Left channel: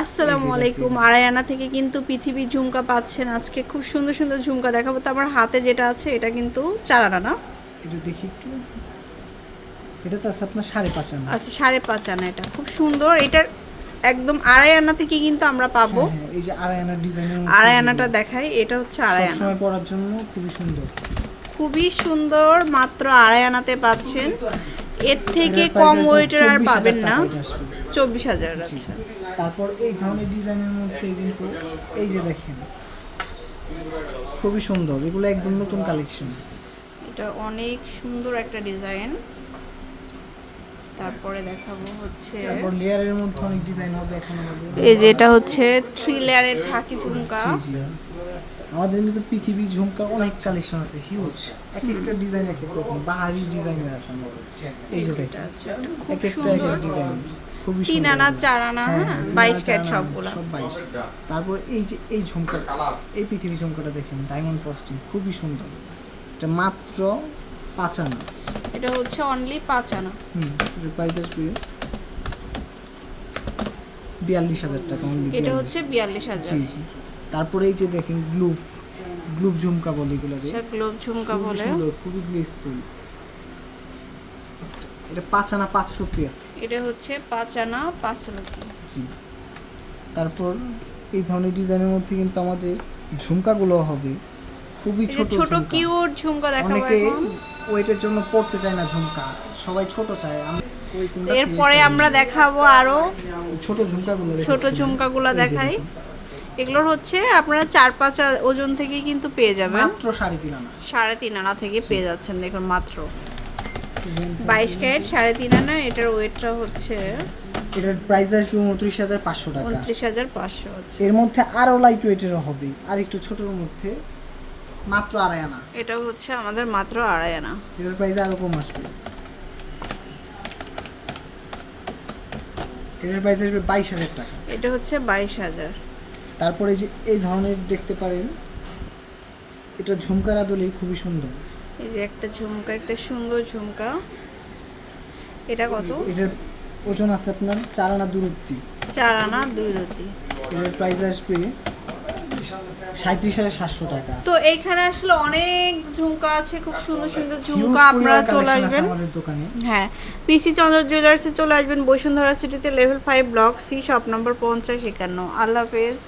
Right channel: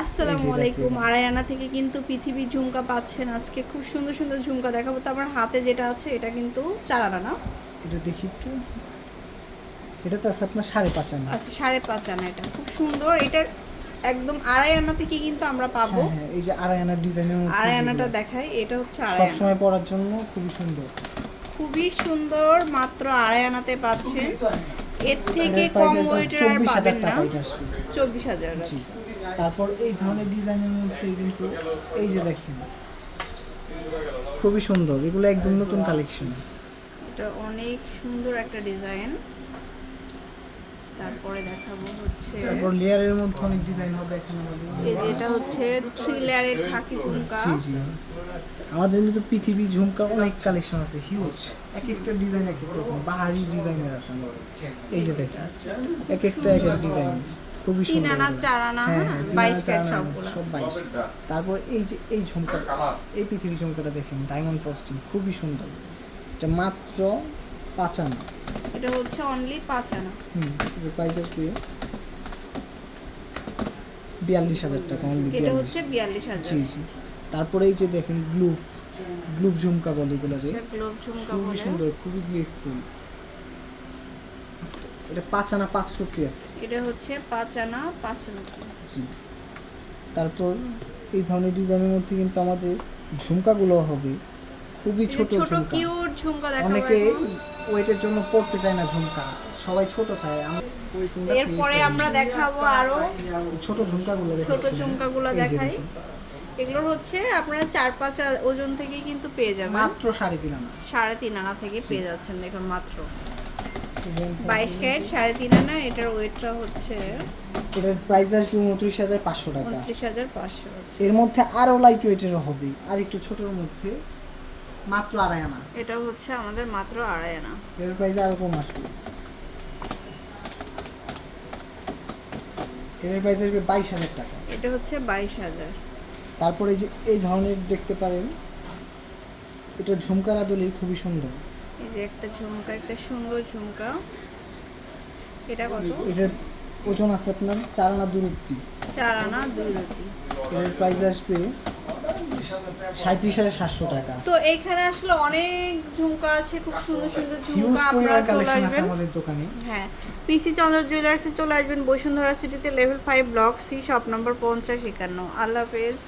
আসসালামু আলাইকুম। আড়াইআনা থেকে কিন্তু পৃথিবী ঝুমকা পাচ্ছেন আজকে খুব সুন্দর সুন্দর ঝুমকা দেখাবো। তো আমার হাতে যেটা আছে এটা কিন্তু না? এটা দেখি একটু। এটা তো আছে আপনার সাড়ে পাঁচ আনা। আচ্ছা সাড়ে পাঁচ আনা এটা। খুব সুন্দর। এটার একদম আড়াই আনা থেকে কিন্তু আমরা পাবো। হ্যাঁ হ্যাঁ এই যে আড়াই ডিজাইনের আড়াই আনাটা দেখাই। এটা হচ্ছে আড়াই আনা পরার জন্য খুবই সুন্দর। খুবই সুন্দর মাত্র আড়াই আনাতে পাচ্ছেন এর থেকে কম ওয়েটের আর পাবেন না। চব্বিশ হাজার। আচ্ছা। তারপর এই ধরনের ডিজাইনের মধ্যে কিন্তু এই যে দেখেন খুবই সুন্দর। এগুলো একদম নতুন কালেকশন। এটা অনেক সুন্দর একটা ডিজাইন। তারপরে দেখাবো হচ্ছে তারপর লেয়ারের মধ্যে অনেক ডিজাইন হবে এখন। আমাদের এই যে এটা হচ্ছে থ্রি লেয়ারের থাকি ঝুমকা। আমাদের কিন্তু পৃথিবী ঝুমকা অনেক কালেকশন আছে হিউজ এক একটা ডিজাইন এক এক রকম বাহারি ডিজাইনের আছে আমাদের। এই যে দেখেন এক একটা এক এক ডিজাইন খুবই সুন্দর আনা এগুলো। চার আনা হ্যাঁ, হ্যাঁ বাইশ ক্যারেট সবগুলো। সব বাইশ। তারপর এই যে এই ঝুমকাটা এই পৃথিবী ঝুমকাটা দেখেন ডায়মন্ড ফ্রস্টিং খুবই সুন্দর। এটা মাত্র পাঁচ আনা। এটা হচ্ছে অনলি পাঁচ আনা। হুম এর প্রাইস আসবে বিয়াল্লিশ হাজার টাকা অনলি এটা হচ্ছে বিয়াল্লিশ হাজার। জি জি। তারপরে এই যে দেখেন গ্লুব গ্লুব ঝুমকা বলে এগুলো যে। আচ্ছা ঝুমকা খুবই বলে। সুন্দর খুবই গ্লেসফুল এটা পাঁচ আনা পাঁচশো পিস এটা হচ্ছে পাঁচ আনা পাঁচশো টাকা জি। তারপর এই ধরনের ডিজাইনের মধ্যে কিন্তু আমাদের ঝুমকাগুলো হবে। খুবই ছোট ছোট ঝুমকা। কিউট ঝুমকা দেখাবো অনেকে। ওয়েটের জন্য পড়তে চায় না ঝুমকা। সবাই ছোট চায়। আম- এরপরে আমরা দেখাবো আরও। ছোট ঝুমকাগুলো ছোট। ঝুমকাগুলো দেখাই। এগুলোর হচ্ছে আপনারা চার পাঁচ ওজন থেকে কিন্তু পেয়ে যাবেন। মাত্র সাড়ে তিন আনা। সাড়ে তিন আনা থেকে পেয়ে যাচ্ছেন দেখুন মাত্র। বাইশ ক্যারেট সাড়ে তিন আনা এটার ওয়েটটা হচ্ছে এটার প্রাইস আসবে উনত্রিশ হাজার পাঁচশো টাকা। উনত্রিশ হাজার পাঁচশো আছে এর মধ্যে আরও লাইট ওয়েটেরও হবে আর একটু ছোটোর মধ্যে মাত্র আড়াই আনা। এটা হচ্ছে আমাদের মাত্র আড়াই আনা। এর প্রাইস আরও কম আসবে। এর প্রাইস আসবে বাইশ হাজার টাকা। এটা হচ্ছে বাইশ হাজার। তারপরে যে এই ধরনের দেখতে পারেন এটা ঝুমকার আদলেই খুবই সুন্দর। এই যে একটা ঝুমকা একটা সুন্দর ঝুমকা। এটা কত? এটার ওজন আছে আপনার চার আনা দূরত্ব চার আনা রুটি। এর প্রাইস আসবে সাঁত্রিশ হাজার সাতশো টাকা। তো এইখানে আসলে অনেক ঝুমকা আছে খুব সুন্দর সুন্দর ঝুমকা আপনারা চলে আসবেন। আমাদের দোকানে। হ্যাঁ পিসি চন্দ্র জুয়েলার্সে চলে আসবেন বসুন্ধরা সিটিতে level five block C shop number পঞ্চাশ একান্ন। আল্লাহ হাফেজ।